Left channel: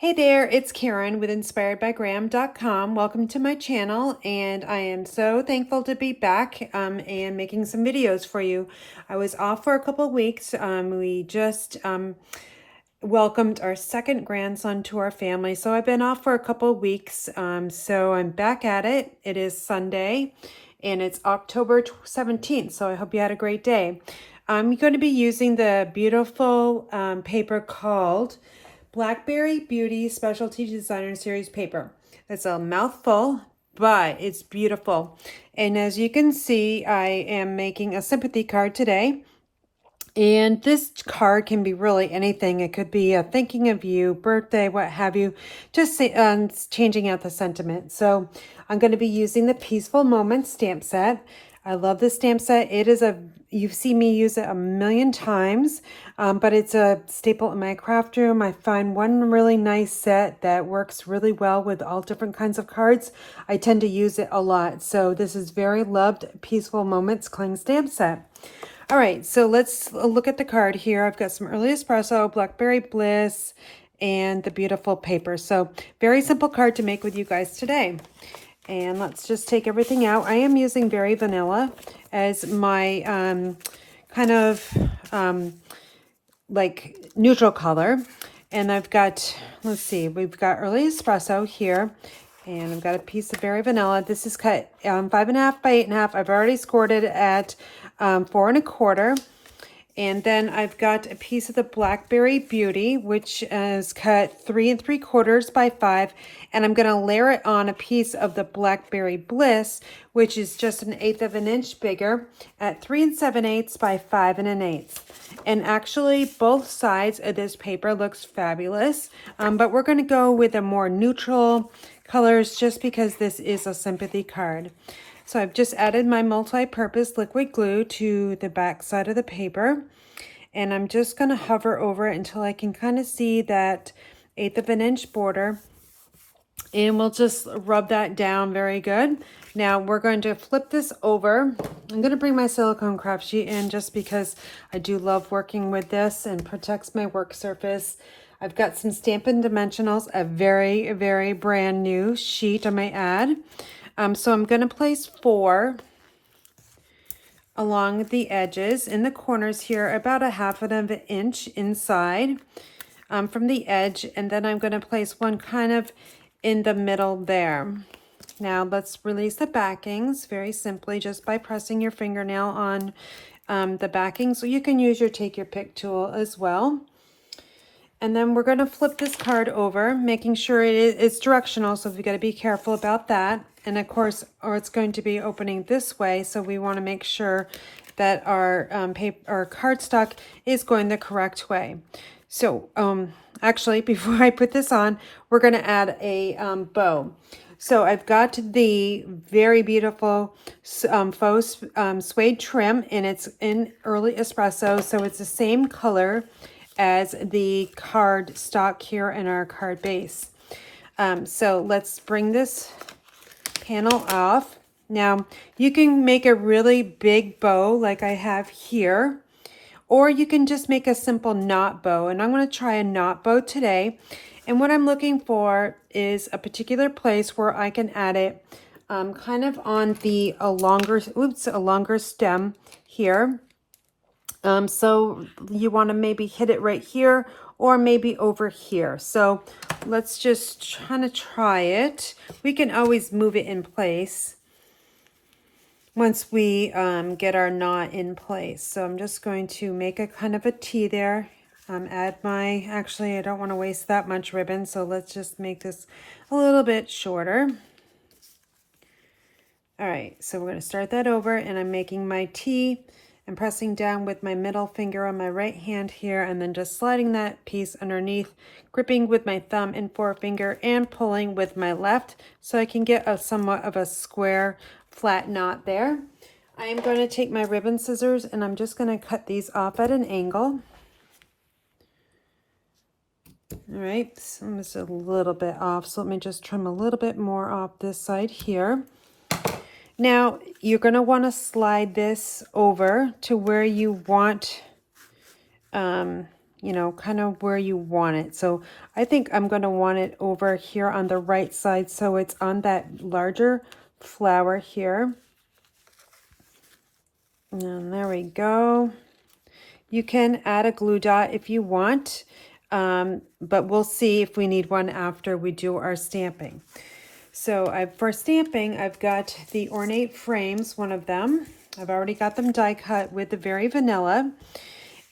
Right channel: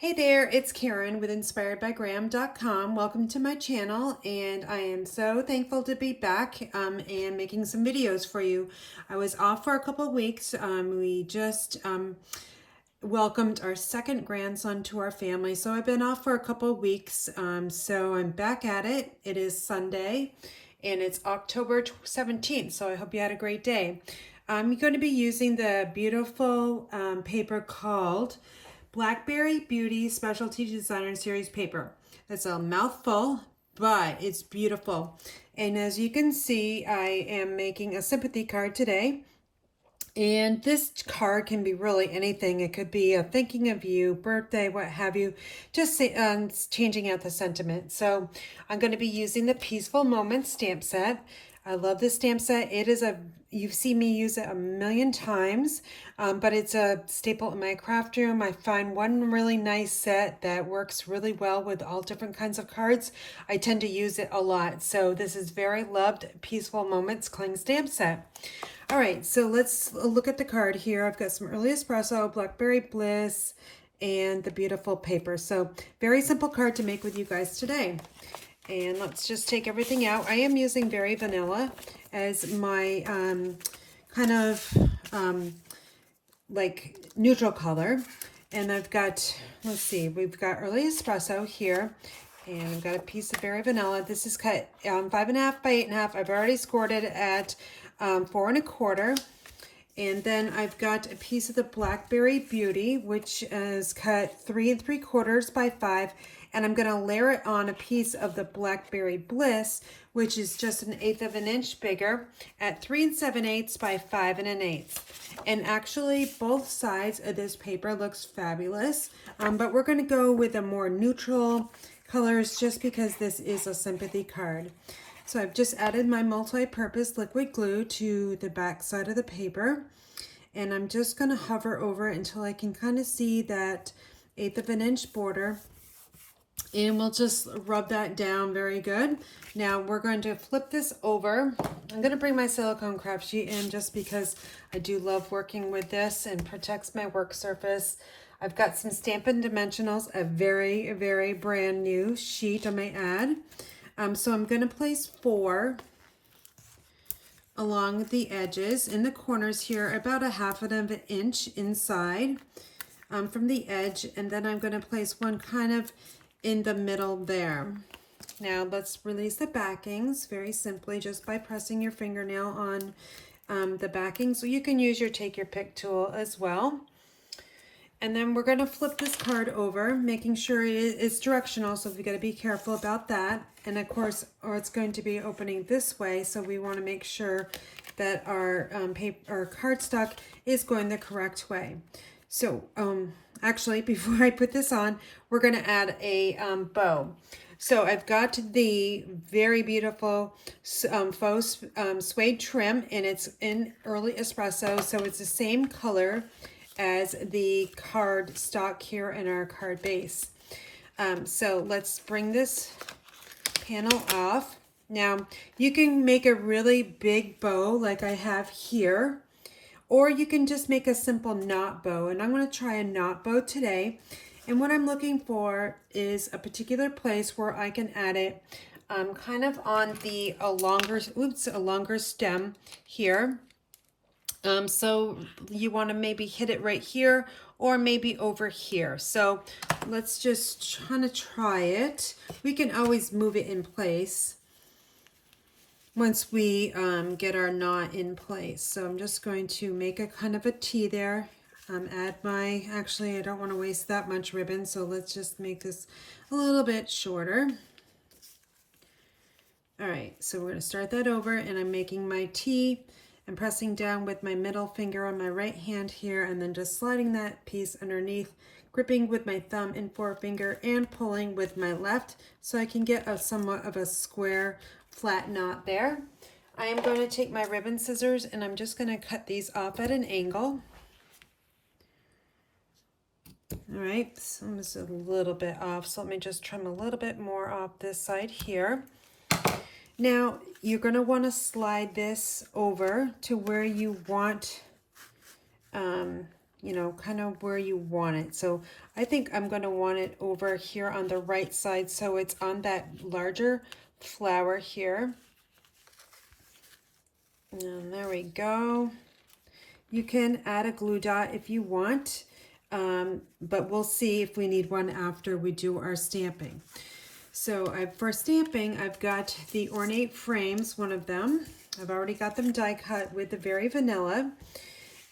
Hey there, it's Karen with inspiredbygram.com. Welcome to my channel, and I am so thankful to be back and making some videos for you. I was off for a couple of weeks. We just welcomed our second grandson to our family, so I've been off for a couple of weeks. So I'm back at it. It is Sunday, and it's October 17th, so I hope you had a great day. I'm going to be using the beautiful paper called Blackberry Beauty Specialty Designer Series paper. It's a mouthful, but it's beautiful. And as you can see, I am making a sympathy card today. And this card can be really anything. It could be a thinking of you, birthday, what have you, just changing out the sentiment. So I'm going to be using the Peaceful Moments stamp set. I love this stamp set. You've seen me use it a million times, but it's a staple in my craft room. I find one really nice set that works really well with all different kinds of cards. I tend to use it a lot. So this is very loved Peaceful Moments cling stamp set. All right, so let's look at the card here. I've got some early espresso, Blackberry Bliss, and the beautiful paper. So very simple card to make with you guys today. And let's just take everything out. I am using Very Vanilla as my kind of like neutral color. And I've got, let's see, we've got early espresso here. And I've got a piece of Very Vanilla. This is cut 5.5 by 8.5. I've already scored it at 4 1/4. And then I've got a piece of the Blackberry Beauty, which is cut 3 3/4 by 5. And I'm going to layer it on a piece of the Blackberry Bliss, which is just 1/8 of an inch bigger at 3 7/8 by 5 1/8. And actually both sides of this paper looks fabulous. But we're going to go with a more neutral colors just because this is a sympathy card. So I've just added my multi-purpose liquid glue to the back side of the paper. And I'm just going to hover over it until I can kind of see that 1/8 of an inch border. And we'll just rub that down very good. Now we're going to flip this over. I'm going to bring my silicone craft sheet in just because I do love working with this and protects my work surface. I've got some Stampin' Dimensionals, a very, very brand new sheet I might add. So I'm going to place 4 along the edges in the corners here, about 1/2 of an inch inside from the edge. And then I'm going to place one kind of in the middle there. Now let's release the backings very simply just by pressing your fingernail on the backing. So you can use your take your pick tool as well. And then we're going to flip this card over, making sure it's directional, so we've got to be careful about that. And of course, or it's going to be opening this way, so we want to make sure that our cardstock is going the correct way. So actually, before I put this on, we're going to add a bow. So I've got the very beautiful faux suede trim, and it's in early espresso, so it's the same color as the card stock here in our card base. So let's bring this panel off. Now you can make a really big bow like I have here, or you can just make a simple knot bow, and I'm going to try a knot bow today. And what I'm looking for is a particular place where I can add it kind of on a longer stem here. So you want to maybe hit it right here or maybe over here. So let's just kind of try it. We can always move it in place once we get our knot in place. So I'm just going to make a kind of a T there. Actually I don't want to waste that much ribbon, so let's just make this a little bit shorter. All right, so we're going to start that over, and I'm making my T and pressing down with my middle finger on my right hand here, and then just sliding that piece underneath, gripping with my thumb and forefinger and pulling with my left so I can get a somewhat of a square flat knot there. I am going to take my ribbon scissors and I'm just going to cut these off at an angle. All right, so I'm just a little bit off, so let me just trim a little bit more off this side here. Now you're going to want to slide this over to where you want you know, kind of where you want it. So I think I'm going to want it over here on the right side, so it's on that larger flower here. And there we go. You can add a glue dot if you want, but we'll see if we need one after we do our stamping. So for stamping, I've got the ornate frames, one of them. I've already got them die cut with the Very Vanilla.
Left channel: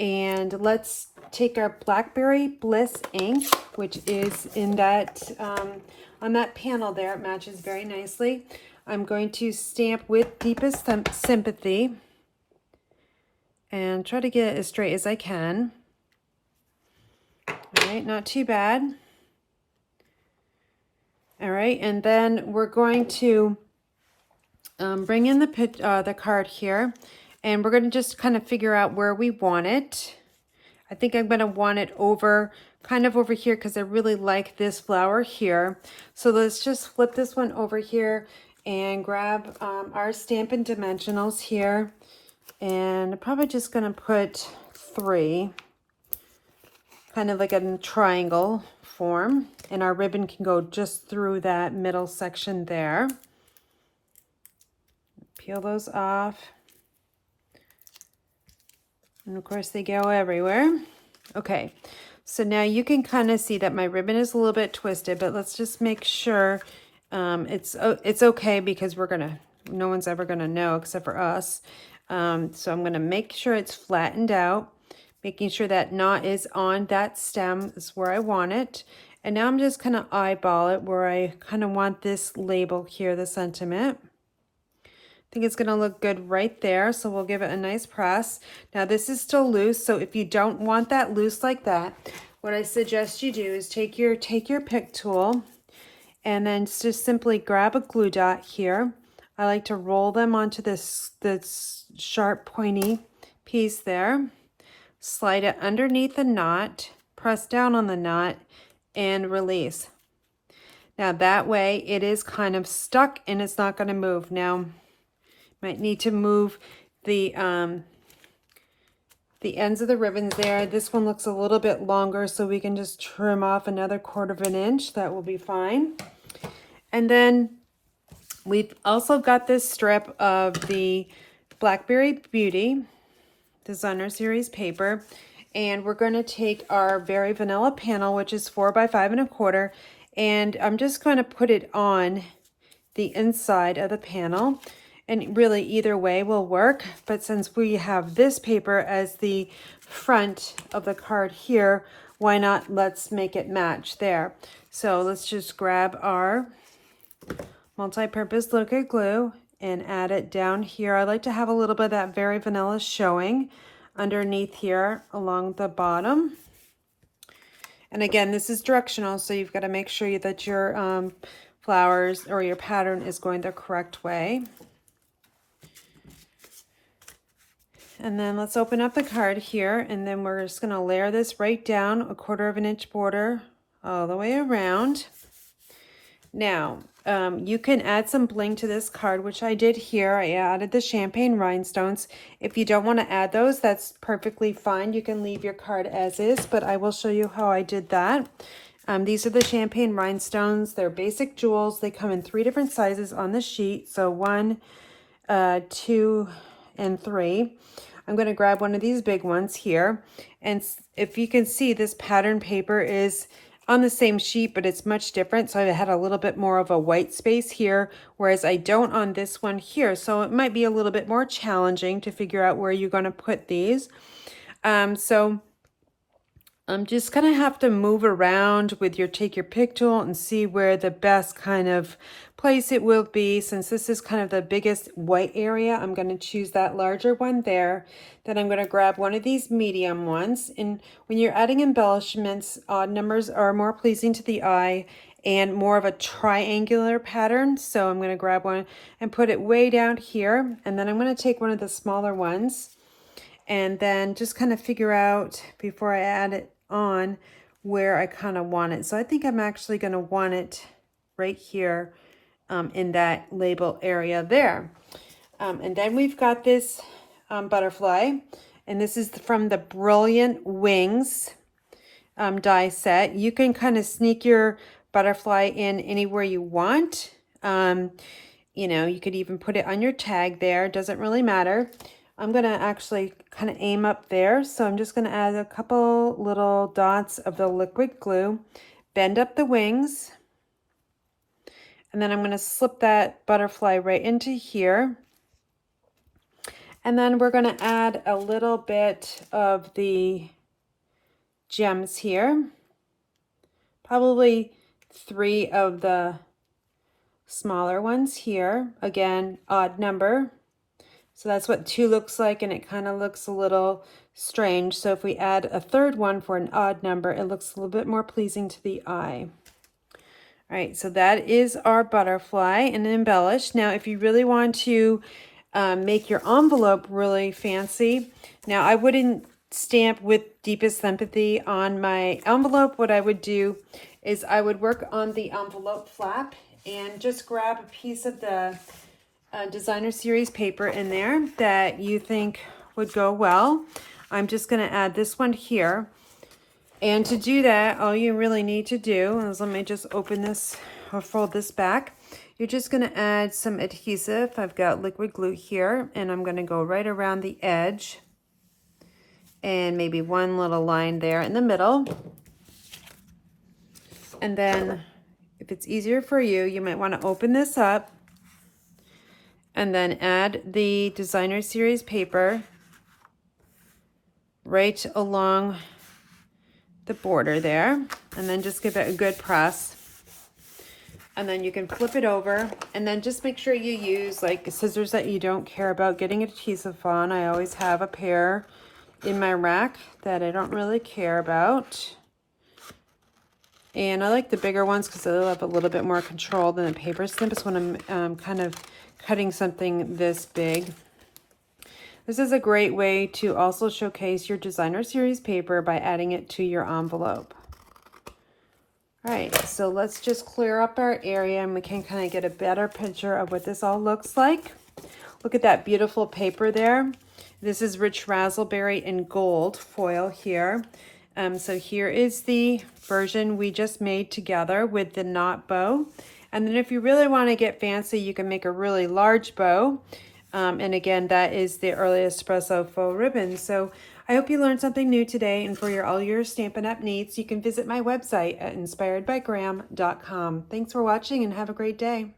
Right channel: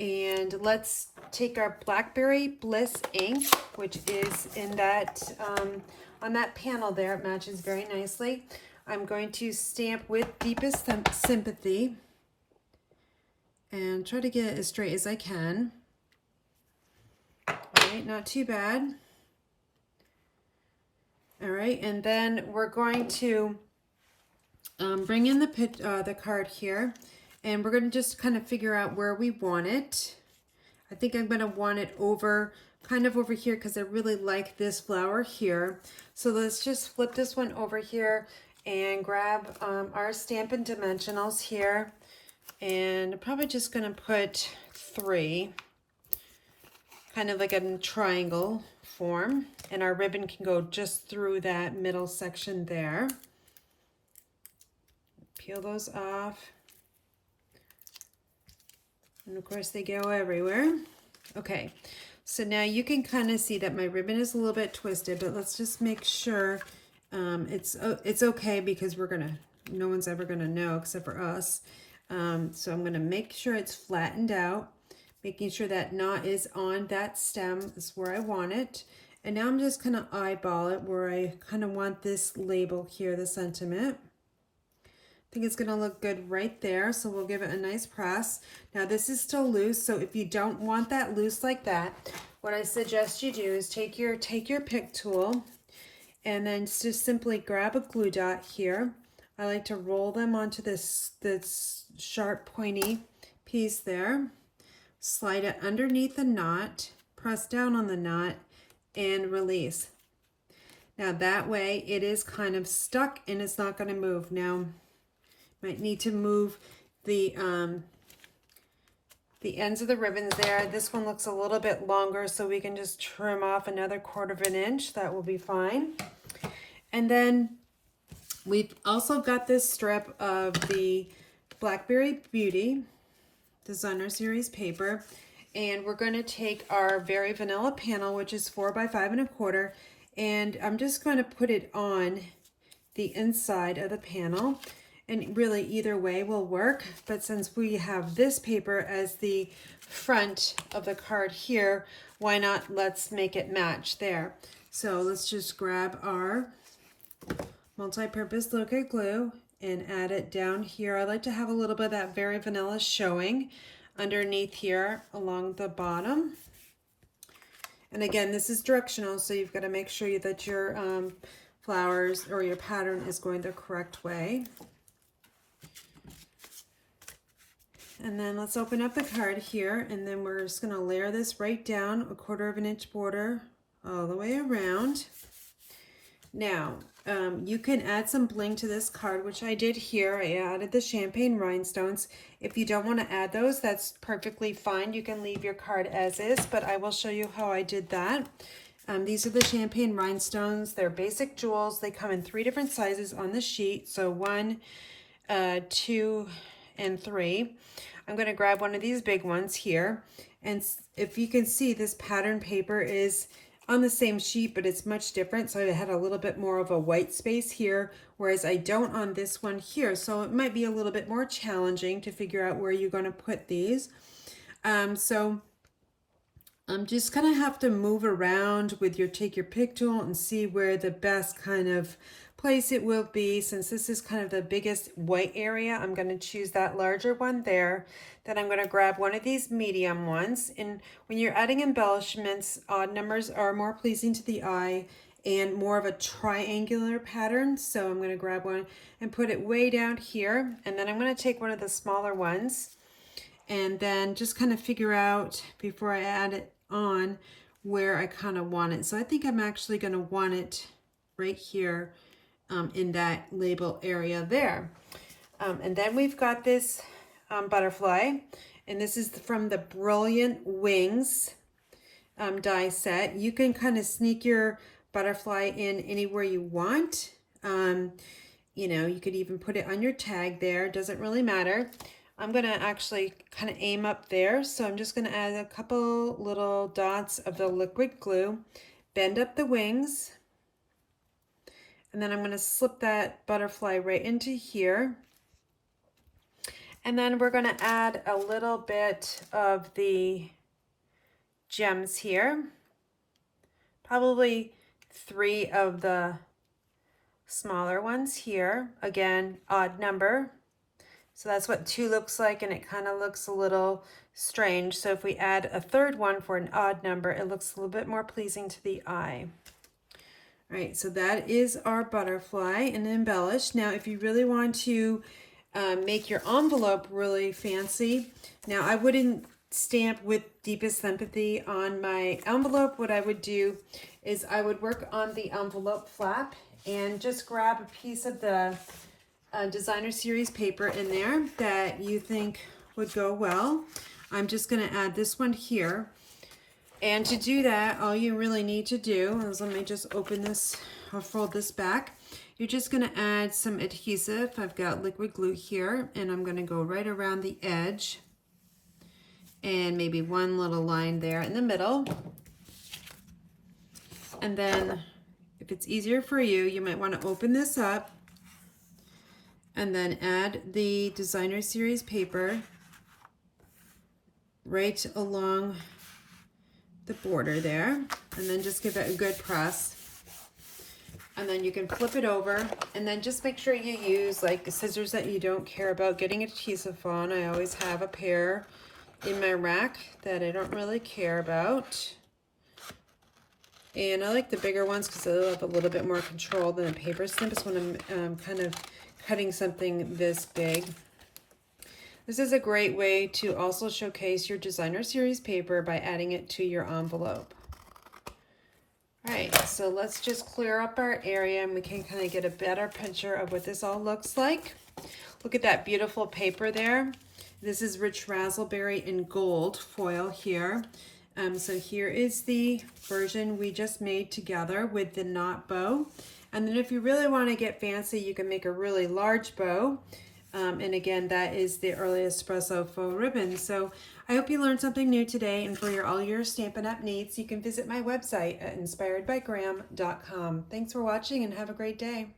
And let's take our Blackberry Bliss ink, which is in that, on that panel there. It matches very nicely. I'm going to stamp with Deepest Sympathy and try to get it as straight as I can. All right, not too bad. All right, and then we're going to bring in the card here, and we're going to just kind of figure out where we want it. I think I'm going to want it kind of over here, because I really like this flower here. So let's just flip this one over here and grab our Stampin' Dimensionals here. And I'm probably just going to put 3, kind of like a triangle form. And our ribbon can go just through that middle section there. Peel those off. And of course they go everywhere. Okay, so now you can kind of see that my ribbon is a little bit twisted, but let's just make sure it's okay, because no one's ever gonna know except for us. So I'm gonna make sure it's flattened out, making sure that knot is on that stem is where I want it. And now I'm just gonna eyeball it where I kind of want this label here, the sentiment. I think it's gonna look good right there, so we'll give it a nice press. Now this is still loose, so if you don't want that loose like that, what I suggest you do is take your pick tool and then just simply grab a glue dot here. I like to roll them onto this sharp pointy piece there, slide it underneath the knot, press down on the knot, and release. Now that way it is kind of stuck and it's not going to move. Now might need to move the ends of the ribbons there. This one looks a little bit longer, so we can just trim off another 1/4 inch. That will be fine. And then we've also got this strip of the Blackberry Beauty Designer Series paper, and we're going to take our Very Vanilla panel, which is 4 by 5 1/4, and I'm just going to put it on the inside of the panel. And really either way will work, but since we have this paper as the front of the card here, why not let's make it match there. So let's just grab our multi-purpose liquid glue and add it down here. I like to have a little bit of that Very Vanilla showing underneath here along the bottom. And again, this is directional, so you've got to make sure that your flowers or your pattern is going the correct way. And then let's open up the card here, and then we're just going to layer this right down, a 1/4 inch border all the way around. Now, you can add some bling to this card, which I did here. I added the champagne rhinestones. If you don't want to add those, that's perfectly fine. You can leave your card as is, but I will show you how I did that. These are the champagne rhinestones. They're basic jewels. They come in 3 different sizes on the sheet. So 1, 2, and 3. I'm going to grab one of these big ones here. And if you can see, this pattern paper is on the same sheet, but it's much different. So I had a little bit more of a white space here, whereas I don't on this one here. So it might be a little bit more challenging to figure out where you're going to put these. So I'm just going to have to move around with take your pick tool and see where the best kind of place it will be. Since this is kind of the biggest white area, I'm going to choose that larger one there. Then I'm going to grab one of these medium ones. And when you're adding embellishments, odd numbers are more pleasing to the eye and more of a triangular pattern. So I'm going to grab one and put it way down here. And then I'm going to take one of the smaller ones and then just kind of figure out before I add it on where I kind of want it. So I think I'm actually going to want it right here in that label area there. And then we've got this butterfly, And this is from the Brilliant Wings die set. You can kind of sneak your butterfly in anywhere you want. You know, you could even put it on your tag there. Doesn't really matter. I'm going to actually kind of aim up there. So I'm just going to add a couple little dots of the liquid glue, bend up the wings, and then I'm going to slip that butterfly right into here. And then we're going to add a little bit of the gems here, probably 3 of the smaller ones here. Again, odd number. So that's what 2 looks like, and it kind of looks a little strange. So if we add a 3rd one for an odd number, it looks a little bit more pleasing to the eye. All right, so that is our butterfly and embellished. Now, if you really want to make your envelope really fancy, now I wouldn't stamp with Deepest Sympathy on my envelope. What I would do is I would work on the envelope flap and just grab a piece of the designer series paper in there that you think would go well. I'm just going to add this one here. And to do that, all you really need to do is, let me just open this or fold this back. You're just going to add some adhesive. I've got liquid glue here, and I'm going to go right around the edge and maybe one little line there in the middle. And then if it's easier for you, you might want to open this up and then add the designer series paper right along the border there, and then just give it a good press. And then you can flip it over, and then just make sure you use like scissors that you don't care about getting adhesive on. I always have a pair in my rack that I don't really care about. And I like the bigger ones because they'll have a little bit more control than a paper snippets when I'm kind of cutting something this big. This is a great way to also showcase your designer series paper by adding it to your envelope. All right, so let's just clear up our area and we can kind of get a better picture of what this all looks like. Look at that beautiful paper there. This is rich raspberry and gold foil here. So here is the version we just made together with the knot bow. And then if you really want to get fancy, you can make a really large bow. And again, that is the early espresso faux ribbon. So I hope you learned something new today. And for all your Stampin' Up! Needs, you can visit my website at inspiredbygram.com. Thanks for watching and have a great day.